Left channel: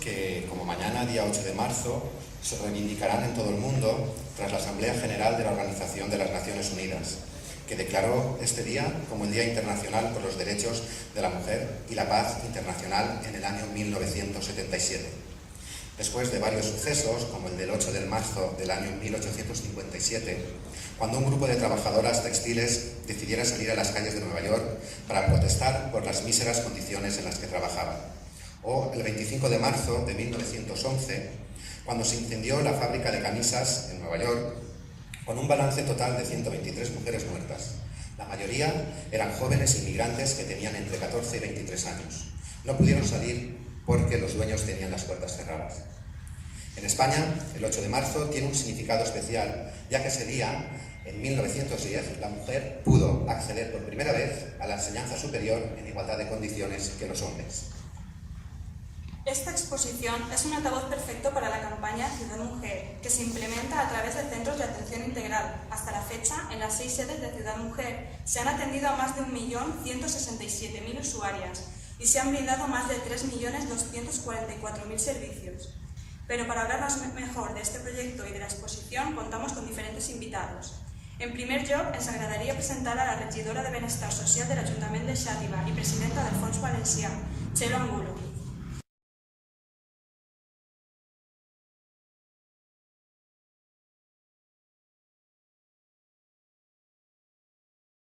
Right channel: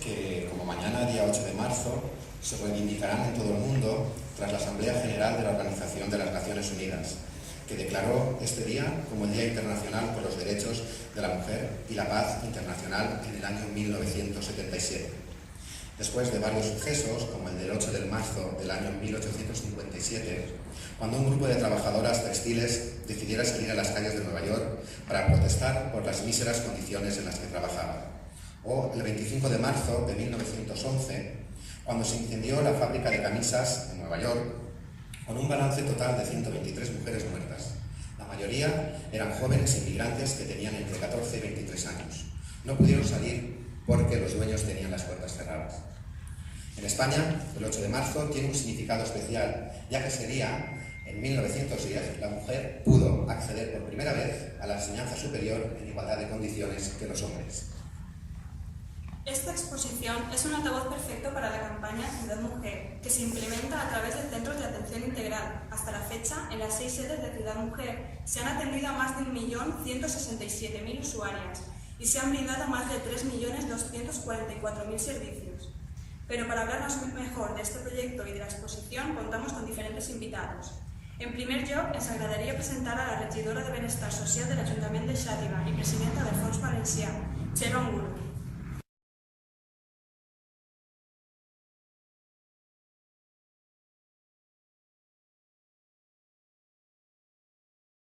Que, como mañana, día 8 de marzo, se reivindicarán en todo el mundo tras la Asamblea General de la Organización de las Naciones Unidas, que declaró este día como el Día Internacional por los Derechos de la Mujer y la Paz Internacional en el año 1977. Después de varios sucesos, como el del 8 de marzo del año 1857, cuando un grupo de trabajadoras textiles decidiera salir a las calles de Nueva York para protestar por las míseras condiciones en las que trabajaban. O el 25 de marzo de 1911, cuando se incendió la fábrica de camisas en Nueva York, con un balance total de 123 mujeres muertas. La mayoría eran jóvenes inmigrantes que tenían entre 14 y 23 años. No pudieron salir porque los dueños tenían las puertas cerradas. En España, el 8 de marzo tiene un significado especial, ya que ese día, en 1910, la mujer pudo acceder por primera vez a la enseñanza superior en igualdad de condiciones que los hombres. Esta exposición es un altavoz perfecto para la campaña Ciudad Mujer, que se implementa a través de centros de atención integral. Hasta la fecha, en las 6 sedes de Ciudad Mujer, se han atendido a más de 1.167.000 usuarias y se han brindado más de 3.244.000 servicios. Pero para hablarnos mejor de este proyecto y de la exposición, contamos con diferentes invitados. En primer lloc, ens agradaria presentar a la regidora de Benestar Social de l'Ajuntament de Xàtiva i presidenta del Fons Valencià, Txelo Angulo.